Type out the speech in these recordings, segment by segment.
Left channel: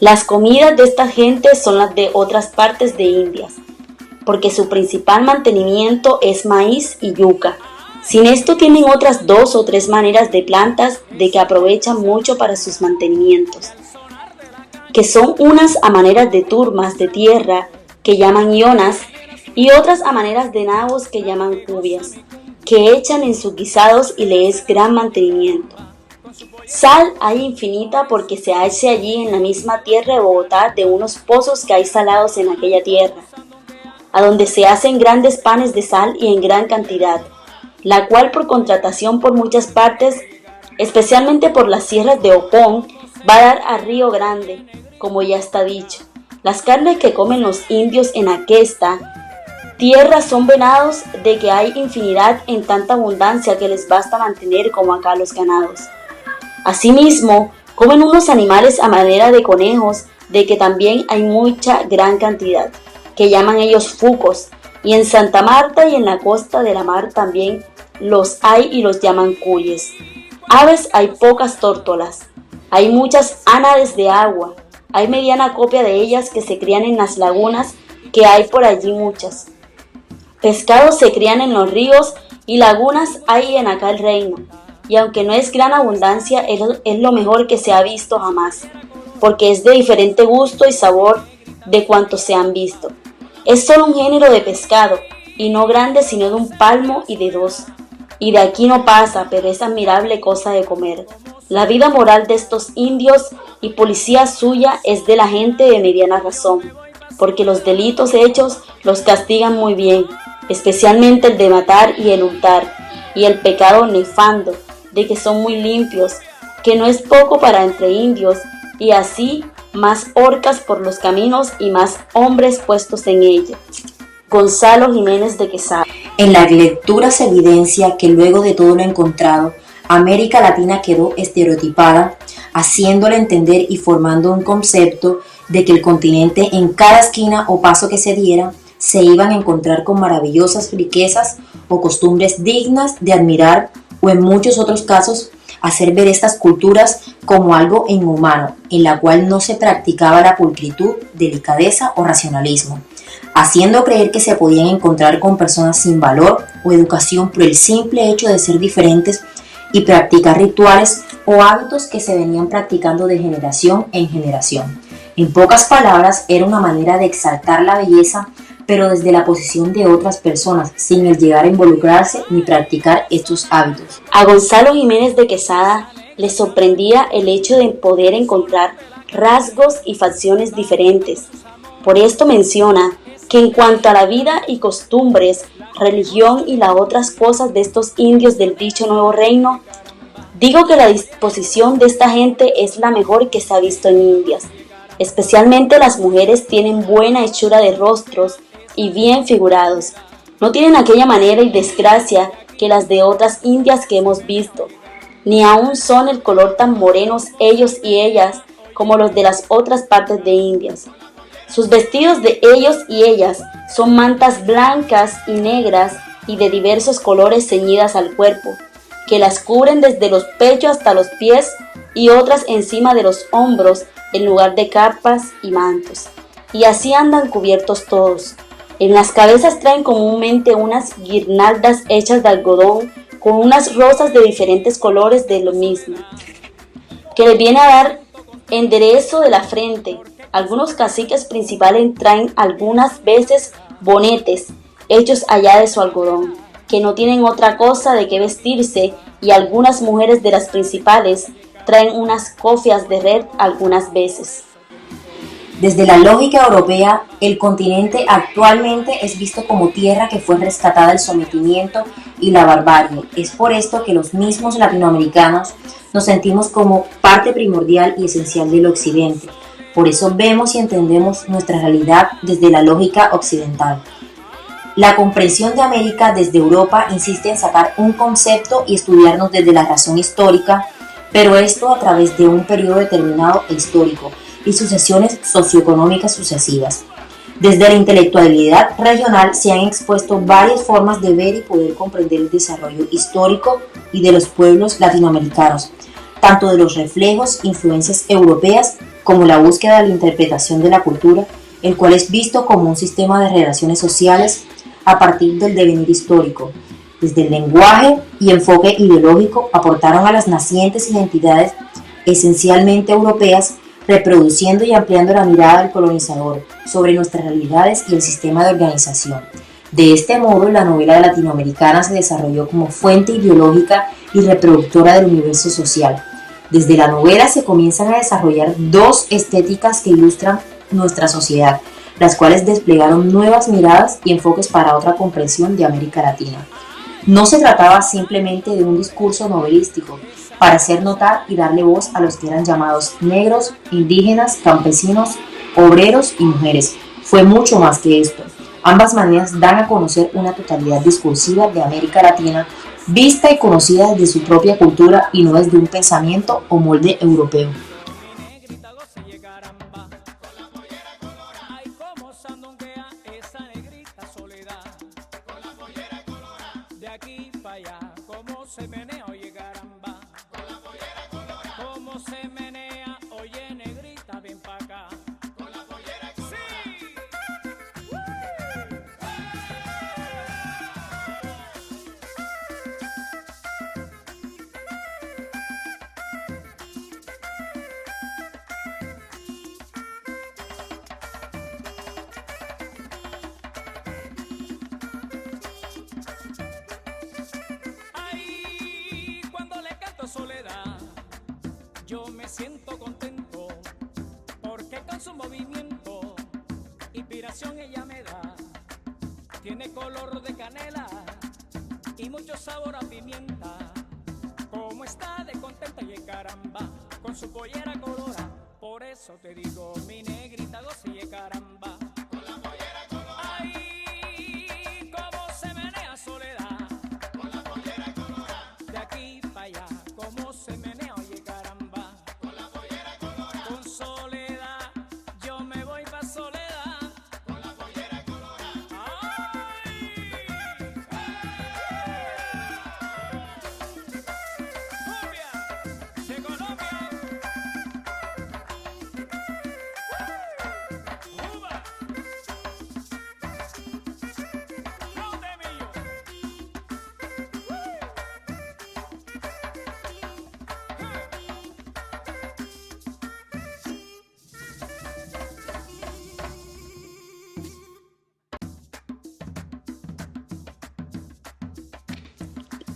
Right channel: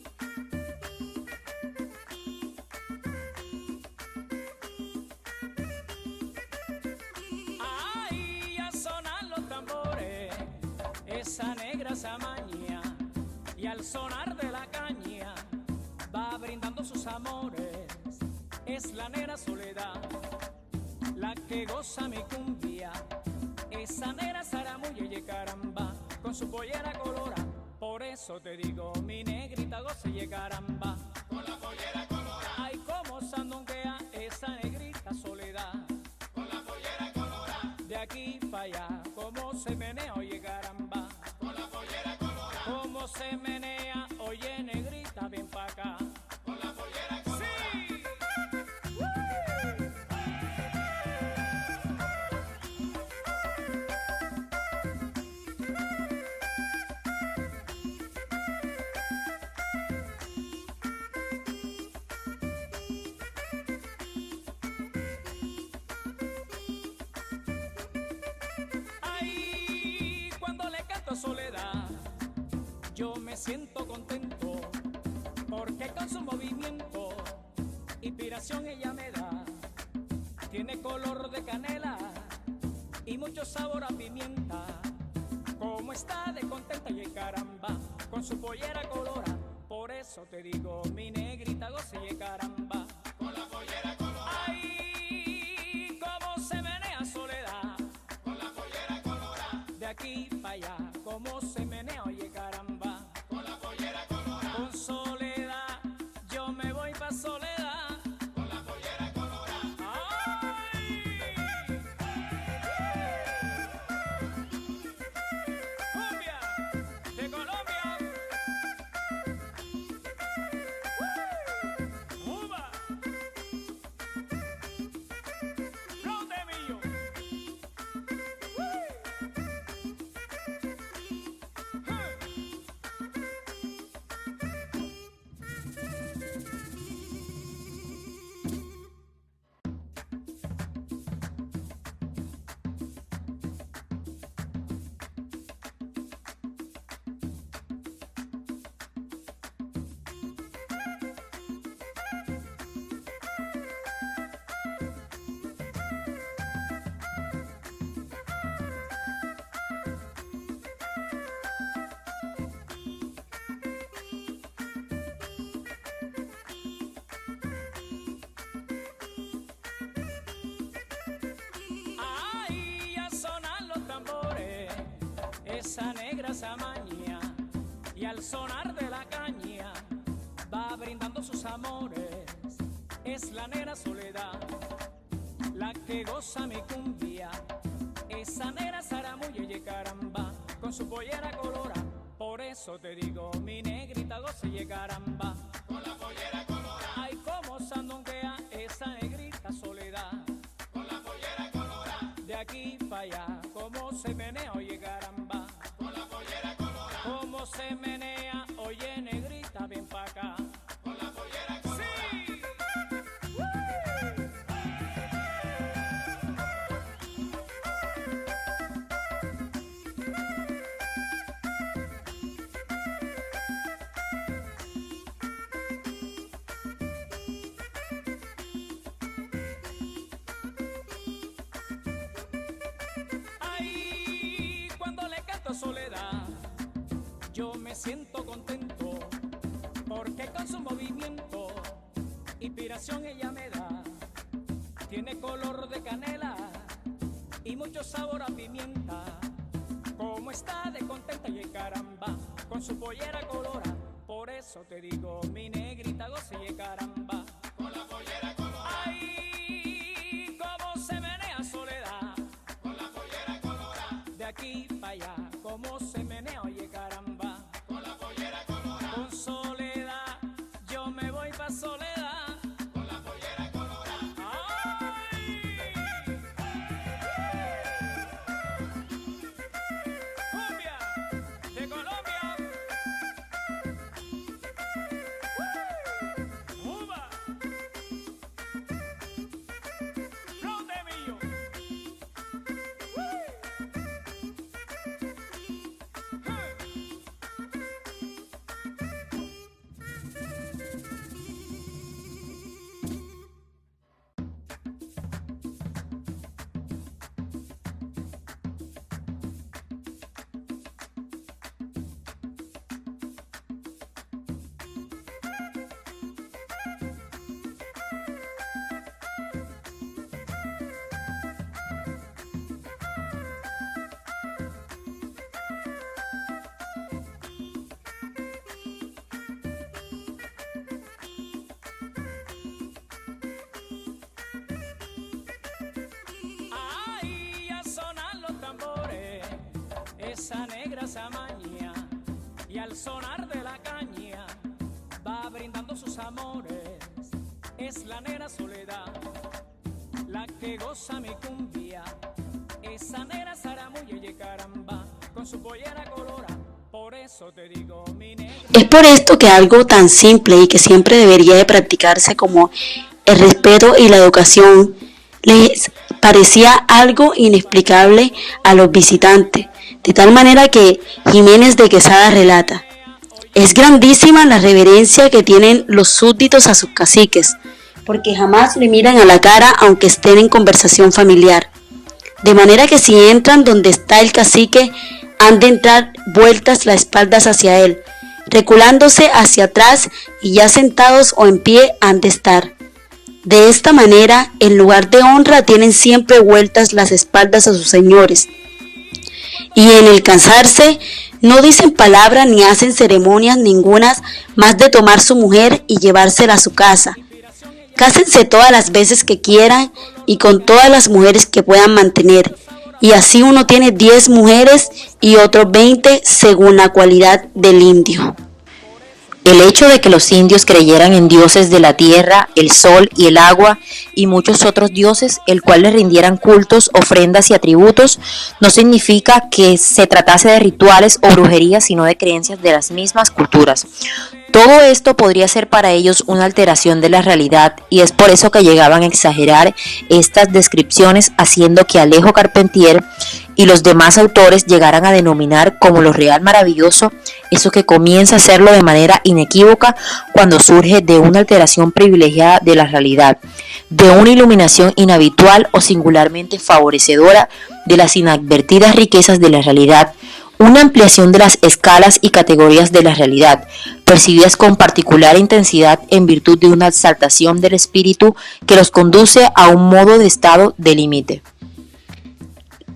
Las comidas de esta gente son las de otras partes de Indias, porque su principal mantenimiento es maíz y yuca. Sin esto tienen otras 2 o 3 maneras de plantas de que aprovechan mucho para sus mantenimientos, que son unas a maneras de turmas de tierra que llaman yonas y otras a maneras de nabos que llaman cubias, que echan en sus guisados y le es gran mantenimiento. Sal hay infinita porque se hace allí en la misma tierra de Bogotá de unos pozos que hay salados en aquella tierra, a donde se hacen grandes panes de sal y en gran cantidad, la cual por contratación por muchas partes, especialmente por las sierras de Opón, va a dar a Río Grande, como ya está dicho. Las carnes que comen los indios en aquesta tierra son venados de que hay infinidad en tanta abundancia que les basta mantener como acá los ganados. Asimismo, comen unos animales a manera de conejos, de que también hay mucha gran cantidad, que llaman ellos fucos, y en Santa Marta y en la costa de la mar también los hay y los llaman cuyes. Aves hay pocas tórtolas, hay muchas ánades de agua, hay mediana copia de ellas que se crían en las lagunas, que hay por allí muchas. Pescados se crían en los ríos y lagunas hay en acá el reino, y aunque no es gran abundancia, es lo mejor que se ha visto jamás, porque es de diferente gusto y sabor de cuantos se han visto. Es solo un género de pescado, y no grande sino de un palmo y de 2, y de aquí no pasa, pero es admirable cosa de comer. La vida moral de estos indios y policía suya es de la gente de mediana razón, porque los delitos hechos los castigan muy bien, especialmente el de matar y el hurtar, y el pecado nefando, de que son muy limpios, que no es poco para entre indios, y así más horcas por los caminos y más hombres puestos en ella. Gonzalo Jiménez de Quesada. En la lectura se evidencia que luego de todo lo encontrado, América Latina quedó estereotipada, haciéndole entender y formando un concepto de que el continente en cada esquina o paso que se diera se iban a encontrar con maravillosas riquezas o costumbres dignas de admirar, o en muchos otros casos hacer ver estas culturas como algo inhumano, en la cual no se practicaba la pulcritud, delicadeza o racionalismo, haciendo creer que se podían encontrar con personas sin valor o educación por el simple hecho de ser diferentes y practicar rituales o hábitos que se venían practicando de generación en generación. En pocas palabras, era una manera de exaltar la belleza, pero desde la posición de otras personas, sin el llegar a involucrarse ni practicar estos hábitos. A Gonzalo Jiménez de Quesada le sorprendía el hecho de poder encontrar rasgos y facciones diferentes. Por esto menciona que en cuanto a la vida y costumbres, religión y las otras cosas de estos indios del dicho Nuevo Reino, digo que la disposición de esta gente es la mejor que se ha visto en Indias. Especialmente las mujeres tienen buena hechura de rostros y bien figurados. No tienen aquella manera y desgracia que las de otras indias que hemos visto, ni aún son el color tan morenos ellos y ellas como los de las otras partes de Indias. Sus vestidos de ellos y ellas son mantas blancas y negras y de diversos colores ceñidas al cuerpo, que las cubren desde los pechos hasta los pies y otras encima de los hombros en lugar de capas y mantos. Y así andan cubiertos todos. En las cabezas traen comúnmente unas guirnaldas hechas de algodón con unas rosas de diferentes colores de lo mismo, que les viene a dar enderezo de la frente. Algunos caciques principales traen algunas veces bonetes hechos allá de su algodón, que no tienen otra cosa de qué vestirse, y algunas mujeres de las principales traen unas cofias de red algunas veces. Desde la lógica europea, el continente actualmente es visto como tierra que fue rescatada del sometimiento y la barbarie. Es por esto que los mismos latinoamericanos nos sentimos como parte primordial y esencial del occidente. Por eso vemos y entendemos nuestra realidad desde la lógica occidental. La comprensión de América desde Europa insiste en sacar un concepto y estudiarnos desde la razón histórica, pero esto a través de un periodo determinado e histórico y sucesiones socioeconómicas sucesivas. Desde la intelectualidad regional se han expuesto varias formas de ver y poder comprender el desarrollo histórico y de los pueblos latinoamericanos, tanto de los reflejos, influencias europeas, como la búsqueda de la interpretación de la cultura, el cual es visto como un sistema de relaciones sociales a partir del devenir histórico. Desde el lenguaje y enfoque ideológico aportaron a las nacientes identidades esencialmente europeas, reproduciendo y ampliando la mirada del colonizador sobre nuestras realidades y el sistema de organización. De este modo, la novela latinoamericana se desarrolló como fuente ideológica y reproductora del universo social. Desde la novela se comienzan a desarrollar dos estéticas que ilustran nuestra sociedad, las cuales desplegaron nuevas miradas y enfoques para otra comprensión de América Latina. No se trataba simplemente de un discurso novelístico para hacer notar y darle voz a los que eran llamados negros, indígenas, campesinos, obreros y mujeres. Fue mucho más que esto. Ambas maneras dan a conocer una totalidad discursiva de América Latina, vista y conocida desde su propia cultura y no desde un pensamiento o molde europeo. Es por esto que algo tan simple y que siempre debería de practicarse como el respeto y la educación les parecía algo inexplicable a los visitantes, de tal manera que Jiménez de Quesada relata: es grandísima la reverencia que tienen los súbditos a sus caciques, porque jamás le miran a la cara aunque estén en conversación familiar, de manera que si entran donde está el cacique, han de entrar vueltas las espaldas hacia él, reculándose hacia atrás, y ya sentados o en pie han de estar. De esta manera, en lugar de honra, tienen siempre vueltas las espaldas a sus señores, y en el cansarse no dicen palabra ni hacen ceremonias ningunas más de tomar su mujer y llevársela a su casa. Cásense todas las veces que quieran y con todas las mujeres que puedan mantener, y así uno tiene 10 mujeres y otros 20 según la cualidad del indio. El hecho de que los indios creyeran en dioses de la tierra, el sol y el agua y muchos otros dioses, el cual les rindieran cultos, ofrendas y atributos, no significa que se tratase de rituales o brujerías, sino de creencias de las mismas culturas. Todo esto podría ser para ellos una alteración de la realidad, y es por eso que llegaban a exagerar estas descripciones, haciendo que Alejo Carpentier y los demás autores llegaran a denominar como lo real maravilloso eso que comienza a serlo de manera inequívoca cuando surge de una alteración privilegiada de la realidad, de una iluminación inhabitual o singularmente favorecedora de las inadvertidas riquezas de la realidad, una ampliación de las escalas y categorías de la realidad, percibidas con particular intensidad en virtud de una exaltación del espíritu que los conduce a un modo de estado de límite.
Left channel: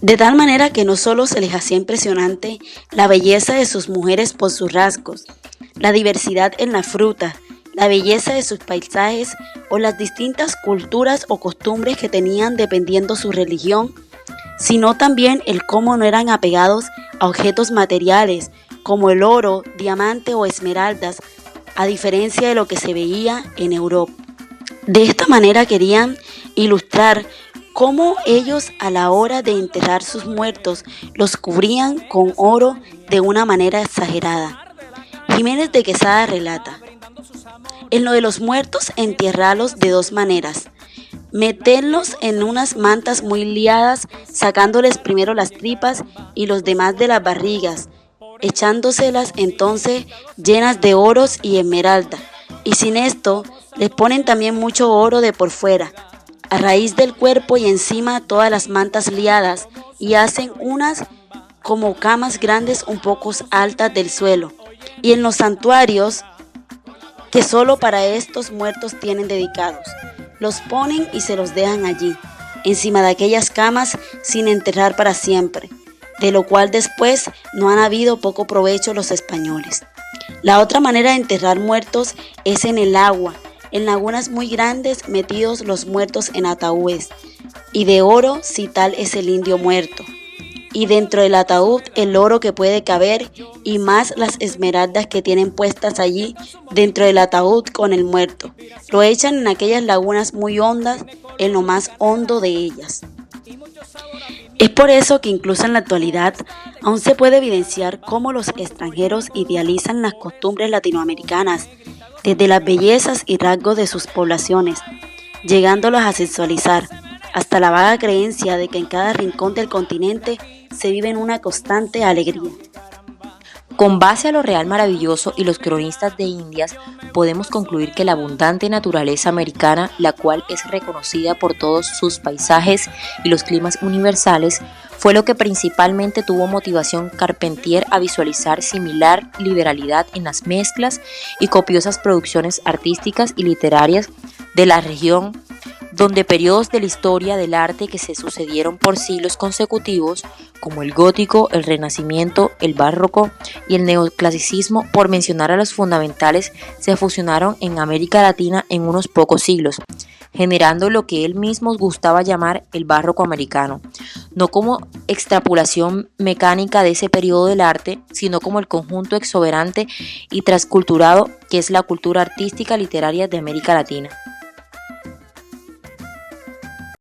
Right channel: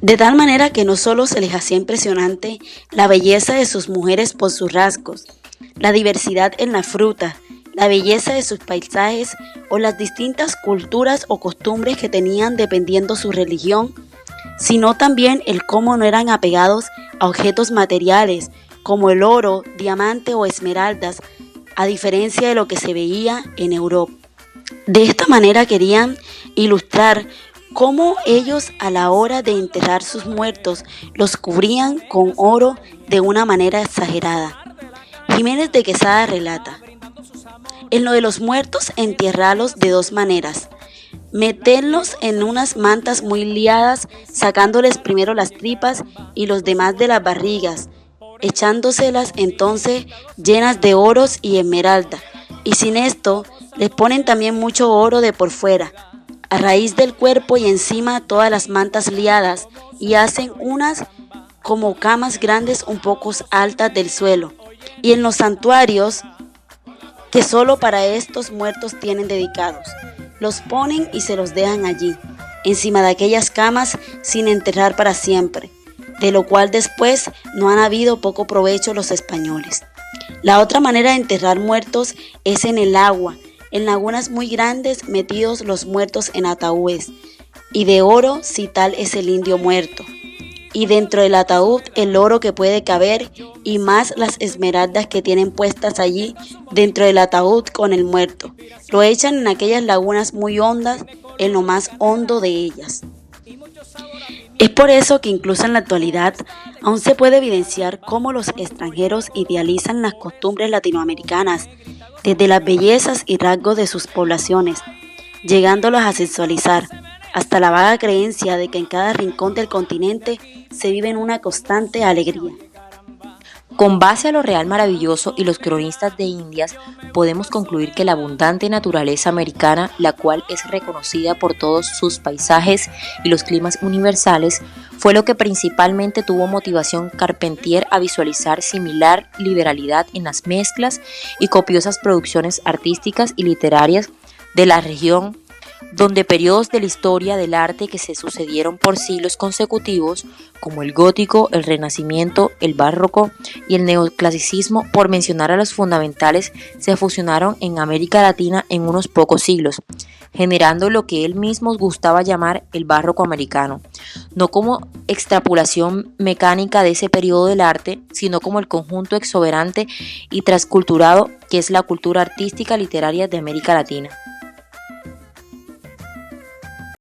De tal manera que no solo se les hacía impresionante la belleza de sus mujeres por sus rasgos, la diversidad en la fruta, la belleza de sus paisajes o las distintas culturas o costumbres que tenían dependiendo su religión, sino también el cómo no eran apegados a objetos materiales como el oro, diamante o esmeraldas, a diferencia de lo que se veía en Europa. De esta manera querían ilustrar cómo ellos a la hora de enterrar sus muertos los cubrían con oro de una manera exagerada. Jiménez de Quesada relata: en lo de los muertos, entierrarlos de dos maneras: meterlos en unas mantas muy liadas, sacándoles primero las tripas y los demás de las barrigas, echándoselas entonces llenas de oros y esmeralda, y sin esto les ponen también mucho oro de por fuera, a raíz del cuerpo y encima todas las mantas liadas, y hacen unas como camas grandes un poco altas del suelo, y en los santuarios que solo para estos muertos tienen dedicados, los ponen y se los dejan allí, encima de aquellas camas sin enterrar para siempre, de lo cual después no han habido poco provecho los españoles. La otra manera de enterrar muertos es en el agua, en lagunas muy grandes, metidos los muertos en ataúdes, y de oro si tal es el indio muerto, y dentro del ataúd el oro que puede caber, y más las esmeraldas que tienen puestas allí dentro del ataúd con el muerto. Lo echan en aquellas lagunas muy hondas, en lo más hondo de ellas. Es por eso que incluso en la actualidad aún se puede evidenciar cómo los extranjeros idealizan las costumbres latinoamericanas, desde las bellezas y rasgos de sus poblaciones, llegándolos a sexualizar, hasta la vaga creencia de que en cada rincón del continente se vive en una constante alegría. Con base a lo real maravilloso y los cronistas de Indias, podemos concluir que la abundante naturaleza americana, la cual es reconocida por todos sus paisajes y los climas universales, fue lo que principalmente tuvo motivación Carpentier a visualizar similar liberalidad en las mezclas y copiosas producciones artísticas y literarias de la región, donde periodos de la historia del arte que se sucedieron por siglos consecutivos, como el gótico, el renacimiento, el barroco y el neoclasicismo, por mencionar a los fundamentales, se fusionaron en América Latina en unos pocos siglos, generando lo que él mismo gustaba llamar el barroco americano, no como extrapolación mecánica de ese periodo del arte, sino como el conjunto exuberante y transculturado que es la cultura artística literaria de América Latina.